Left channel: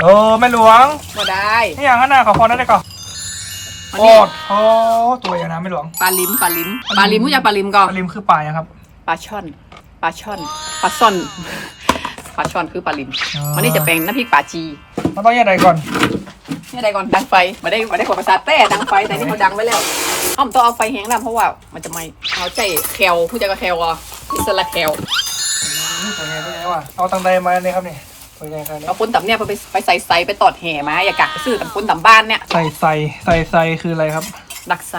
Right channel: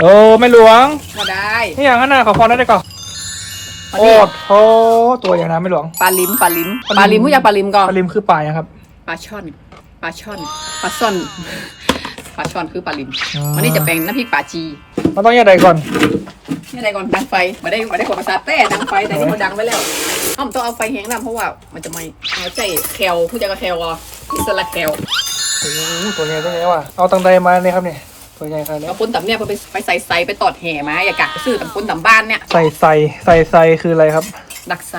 โอ้ไม่หลวงก็ได้นี่อย่างนั้นนะขอพรนั่นได้ก่อนอันโอ้นี้โหตัวอย่างนั้นไม่หลวง ปลาลิมปลาลิมปลาลิมรู้จักปลาลิมก่อนปลาลิมคือปลานะครับ ปลาช่อนปลาช่อนปลาซ่อนปลาช่อนคือปลาลิมอืมวันนี้จะเป็นน้ำพริกปลาจีมันต้องแยกใดก่อนนี่อะไรก่อนดังไฟมาได้มาได้ขวดภาษาแต่ดังไฟแต่นี่เขาดังไว้แล้วอ้อมต้องเอาไฟแห้งนะเพราะว่ามันจะไหม่เอาใจแคลผู้จัดการแคลอะอิสระแคล โอ้โหตัวใหญ่ตัวใหญ่ว่ะเอาตังใดมาเนี่ยครับเนี่ย ตัวใหญ่ขนาดนี้เอาปุ้นตำเนี่ยไปไปใส่ไซไปตอดแห่มาอย่ากะไปซื้อตำปุ้นตำบ้านเนี่ยใส่ใส่ใส่ใส่คืออะไรครับ ดักไซ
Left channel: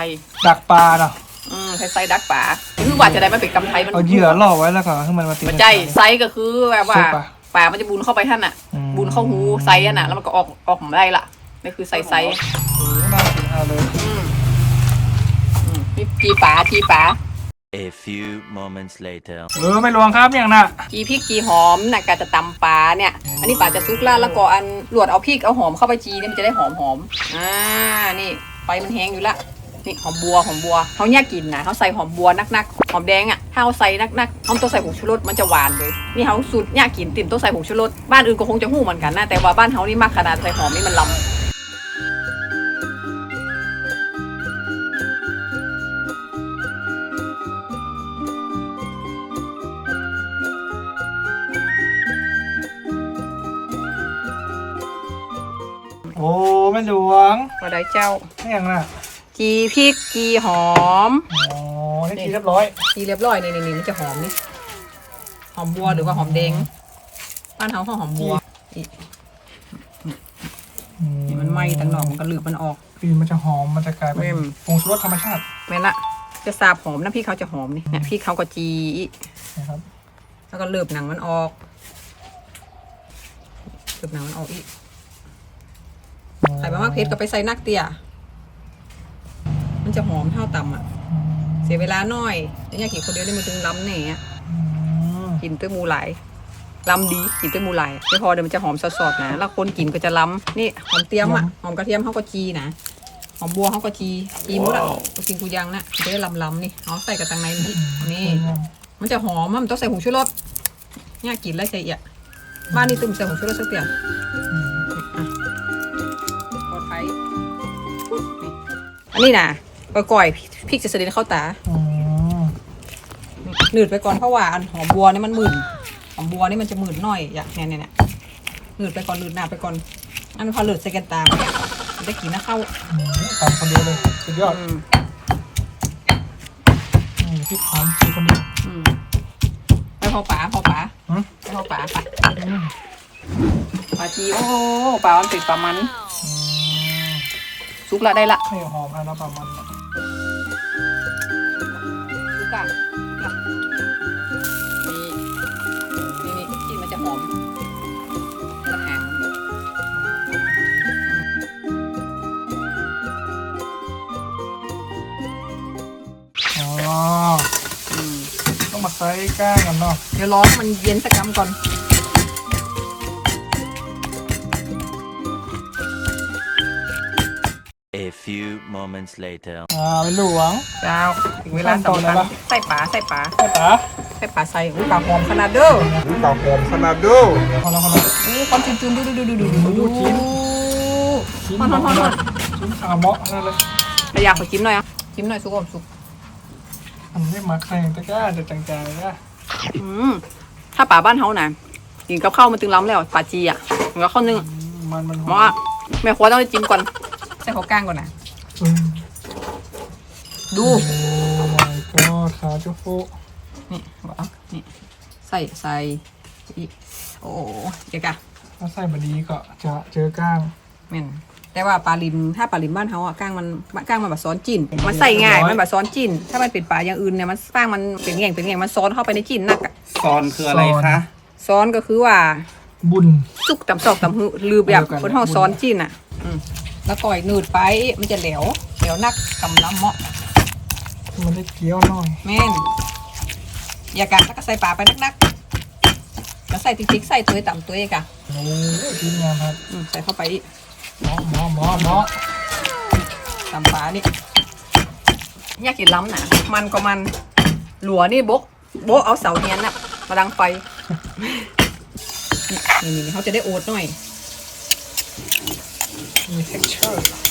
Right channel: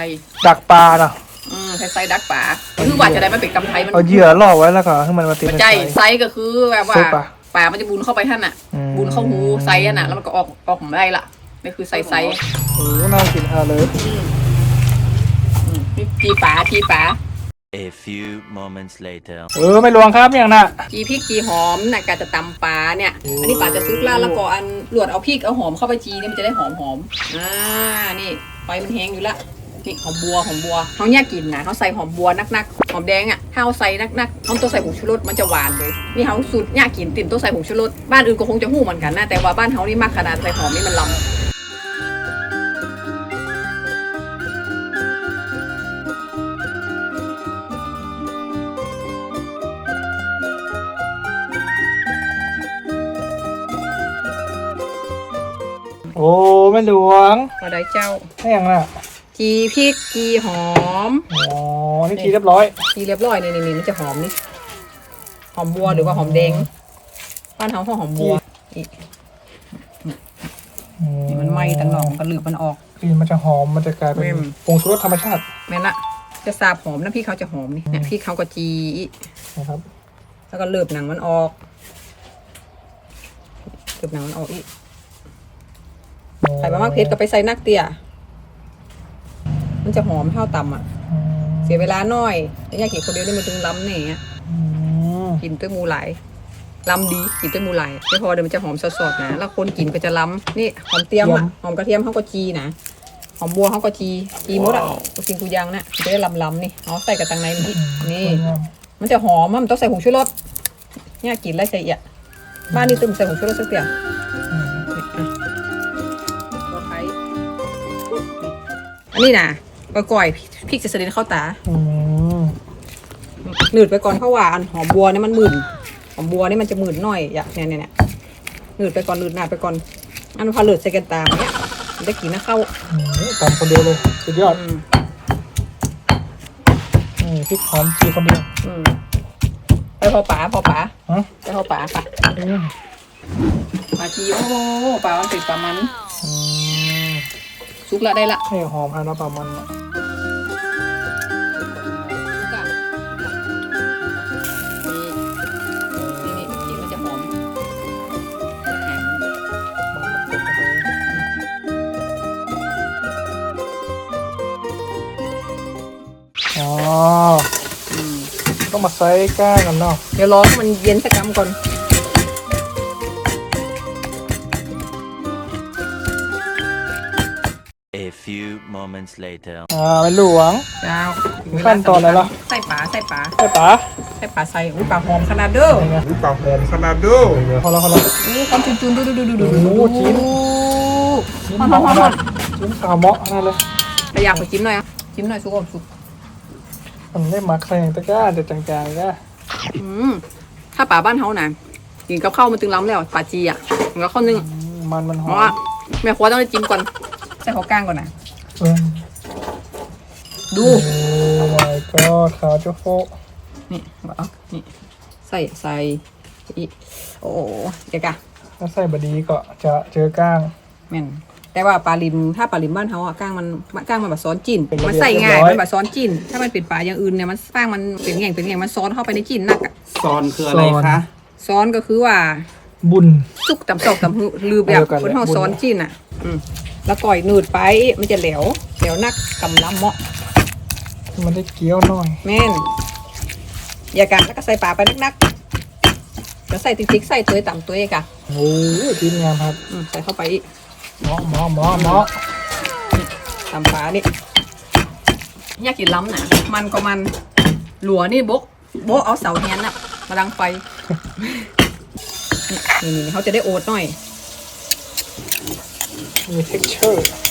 ดักปลาเนาะอืมใส่ไซดักป่าคือว่าจะได้มาเป็นกำไทยมันเอาเหยื่อล่อไว้แล้วก็ให้มันมาตีมันใจไซก็คือแบบว่าซุปอะป่ามันจะบุญเข้าไปท่านอะอืมบุญเข้าหูไซอะน่ะแล้วมันก็ออกออกมาได้ละนี่คือไซไซโอ้โหน่ากินทานเลยอืมอืมนี่จีป๋าจีป๋า A few moments later. เออไม่หลวงครับอย่างน่ะจีพริกจีหอมน่ะกาจะตำปลาเนี่ย อันนี้ป่าจะซุกล่าดแล้วก็อันหลวดเอาพริกเอาหอมเข้าไปจีเนี่ยมันจะได้หอมหอมอ่านี่ไฟมันแห้งอยู่ละนี่หอมบัวหอมบัวเขาเนี่ยกินนะเขาใส่หอมบัวนักๆหอมแดงอะถ้าเขาใส่นักๆเขาต้องใส่ผงชูรสมันจะหวานเลยนี่เขาสูตรเนี่ยกินติ่มต้องใส่ผงชูรสบ้านอื่นก็คงจะหู้เหมือนกันนะแต่ว่าบ้านเขานี่มากขนาดใส่หอมนี่มันลำ ไม่หลวงก็ได้เจ้าให้อย่างน่ะจีพริกจีหอมอ๋อนี่ทีเรียบร้อยจีเรียบร้อยนี่นี่นี่มันจะหอมนี่หอมบัวหรือว่าหอมแดงบ้านเขาเขาหอมบัวนี่นี่มันไหม้ตั้งหนองกระหลืบมันออก กลิ่นมันจะหอมมันจะกลายเป็เว้นม ผงชูรสธรรมชาติแม่นละจะสาบหอมน้ำพริกเขาจะหอมนี่เนี่ยพริกเขาก็จีนะครับแล้วก็เลือบหนังมันออกเลือบหนังมันออกอีก ใส่บะมากเพชรก็ไปใส่นักเตี้ยมันจะหอมเท่าต่ำอะอืมเสียเวลาหน่อยไม่อยากกินคนเดียวได้มันจึงล้ำเนี่ยอืมกินด้วยหมูหลายล้ำดีกินด้วยหมูหลายไม่พอเดี๋ยวมันจะหอมสดๆนะ แล้วคนกินก็จะล้ำนี่หอมเทียมอะหอมกระเทียมเขาก็จีนะหอมบัวเขาก็จีจีหมดอะก็กินกูยังนะจะได้ล้ำๆนี่เอาใส่กับตังในนี่นี่ มันจะหอมอะมันต้องใส่ผงชูรสเนี่ยกินแล้วใจเอียดบ้านนี่ตุ้มใส่ผงชูรสสักเตีย อันนี้นะก่อยๆพริกจะเสด็จเข้าตาอืมหนืดไปก่อนเพราะว่าอันหอมบัวนี่มันหมื่นหอมบัวนี่มันจะหมื่นหน่อยอย่างเนี่ยเนี่ยเนี่ยหนืดไปก่อนหนืดหน้าไปก่อนอันพอหลืดใส่กันตามมันได้กินนะเข้าอืมตำคนเดียวเลยสุดยอดอืมอืมพริกหอมจีคนเดียวอืมไปพอป๋าพอป๋าฮะไปพอป๋าค่ะอืมปลาจีโอ้ปลามันติดปลามันอืม ซุกละได้ละนี่หอมอันละประมาณซุกอะนี่นี่นี่ที่มันจะหอมอาหารอ๋ออืมต้องมาใส่ก้ากันเนาะเดี๋ยวรอให้มันเย็นสักคำก่อน A few moments later. อ่าเป็นหลวง เจ้าถึงเวลาขั้นตอนสำแล้วคัญเหรอใส่ปลาใส่ปลาใช่ปะใส่ปลาใส่อุ้ยปลาหอมขนาดเด้ออุ้ยปากหอมขนาดเด้อเขาแล้วเขาแล้วอู้ความจุนๆดูดูดูดูดูโอ้โหชิ้น ชิ้นฮอนหฮออนมฮอนฮอมานกชิ้นซาเมอกนั่นเลยแต่อยากขอจิ้มหน่อยอะจิ้มหน่อยสุกอมสุกมันไม่มักใส่อย่างตะกร้าแต่จางๆก็อืมถ้าปลาบ้านเฮานะกินกับข้าวมันตึงล้ำแล้วปลาจีอะมันก็ข้าวนึ่งมันมันหเพอราะมว่าแม่ครัวต้องได้จิ้มก่อนใส่หัวก้างก่อนนะเออดูโอ้ my god ขาเจ้าโฟนี่เอานี่ ใส่ใส่อีกโอ้โหเดี๋ยวกะถ้าใส่บดีก็จะเจอก้างแม่นแต่ว่าปลาลิมถ้าปลาลิมบ้านเขาอะก้างมันก้างมันแบบซ้อนจินเป็นมันใส่ง่ายเรียบร้อยมันแบบซ้อนจินถ้ามันเป็นปลาอย่างอื่นเนี่ยมันก้างมันเป็นแง่งเป็นแง่งมันซ้อนเข้าไปในจินนักอะซอนคืออะไรคะซ้อนก็คือว่า บุญสุกตำซอกตำหือลือแบบเดียวกันคนห้องบุญซ้อนจินอะอืม แล้วก่อยหนืดไปมันจะแหลวแหลวนักกำล้ำเหมาะมันได้เกี๊ยวหน่อยแม่นอย่ากะแล้วก็ใส่ปลาไปนักๆแล้วใส่ติ๊กๆใส่ตัวต่ำตัวเองอะโอ้ยกินงามครับอืมใส่เข้าไปอีกหมอหมอหมอหมอตำปลานี่อยากกินล้ำนะมันก็มันหลัวนี่บกโบกเอาเสาเนียนน่ะมาดังไฟ นี่นี่นี่เขาจะได้โอดหน่อย มี texture